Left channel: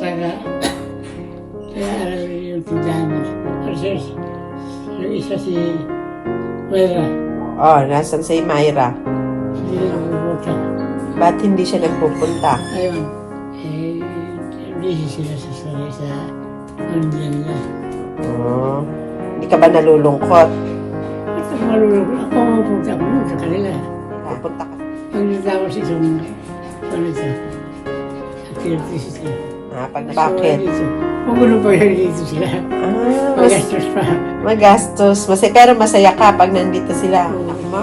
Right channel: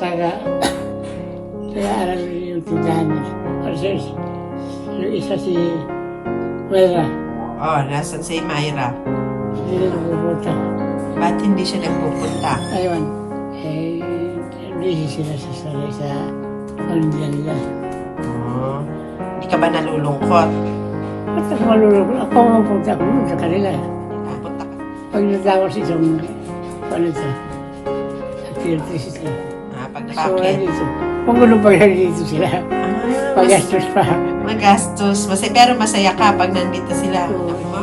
Saka alam yung tindahan nila. Kasi yung isa si Wera, Oh, nasan si Myra? hindi na pupunta. Ba't hindi siya nagpupunta? Ayun, busy sila sa pamilya nila. Oh, hindi ka ba nalulungkot? At ako malulog, ako mapunta ako sa kanila. Pupunta ka. Pag natapos itong, activities ito. Pag So, bakit? dito. Kung gulo pa dito sila, pagastos pa. Magastos. Pero masaya ka pag nandito sila. Oo. Anak mo?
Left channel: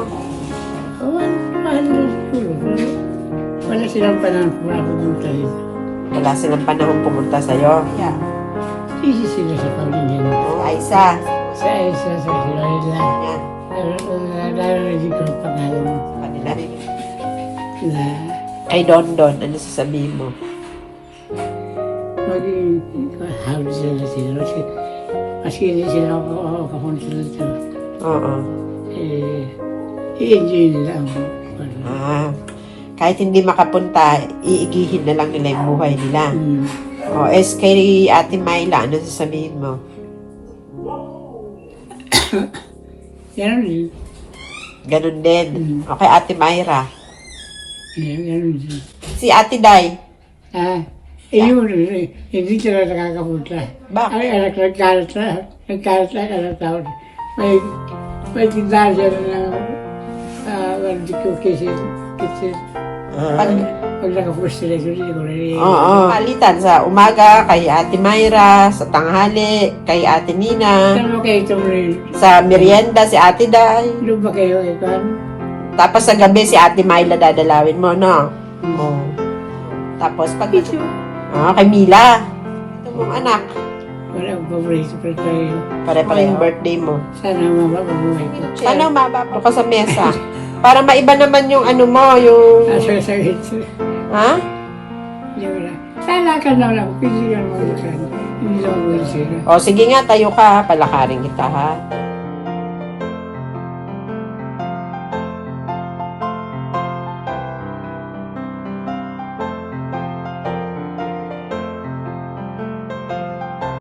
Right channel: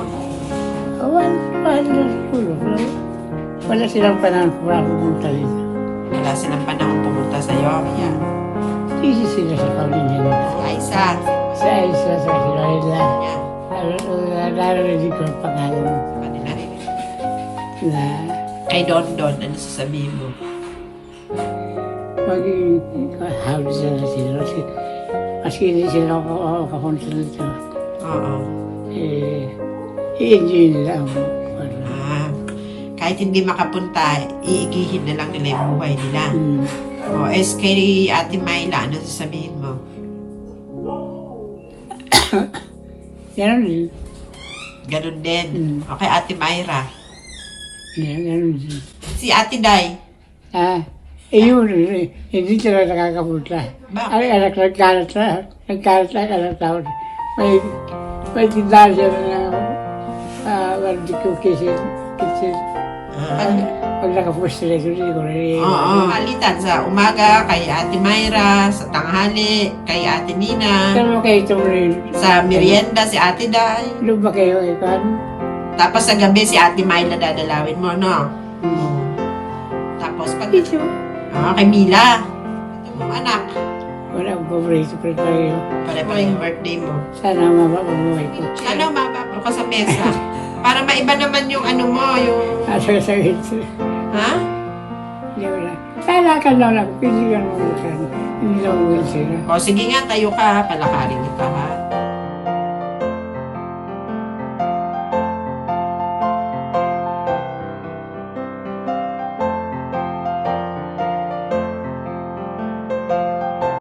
Mahal na siguro. Pero wala silang panahon para pupunta dito. Wala silang panahon pumunta sa'yo. Yeah. Busy sila sa pamilya nila. Aisa. Sa isa, sa sila nila. Yeah. Narinig ko ang pangalan Kanila rin. na Kay Don Don, ano sasabihin mo? maging hawli sila sila. Maski hindi sila kapunta dito. Oo. I-enjoy nila ang Kahit hindi makapunta, iigihin na lang nila yung buhay nila. Mm. Kay Ate Myla, ano sasabihin mo? Ganon din. Ganun din. Okay, Ate Myra. Ganon din. Si Ate Day. Yun, hindi sila nakakapunta. Bakit? Ay, anak, nagkalat na anak tao. May tindahan siya na hindi ko kitchen. Pag nakapos sila, hindi ko rin. Oo. Palitan sa umaga, kay Ate Myra, sa tanghali, kay Ate Nina, Saan mo kayo tumulin? sa merienda, si Ate Day. Doon ba kayo, Ikan? Tapos sa gabi, si Ate Myla dadalawin mo, no? Oo. Tapos, Ito. kay Mila. Ito mong anak. Wala akong paborito pa tayo. Pare-pare yung birthday mo. Sana mabababuhay ko. Sana umababa ka sa mesa. Para maiba naman yung ano mo, yung... Asa sa ito. Ha? Hindi wala. Sana ka lang ako. Pili ka naman mo sana. Hindi lang mo sila. O sige nga, tayo ka. Palakarin kita, ha?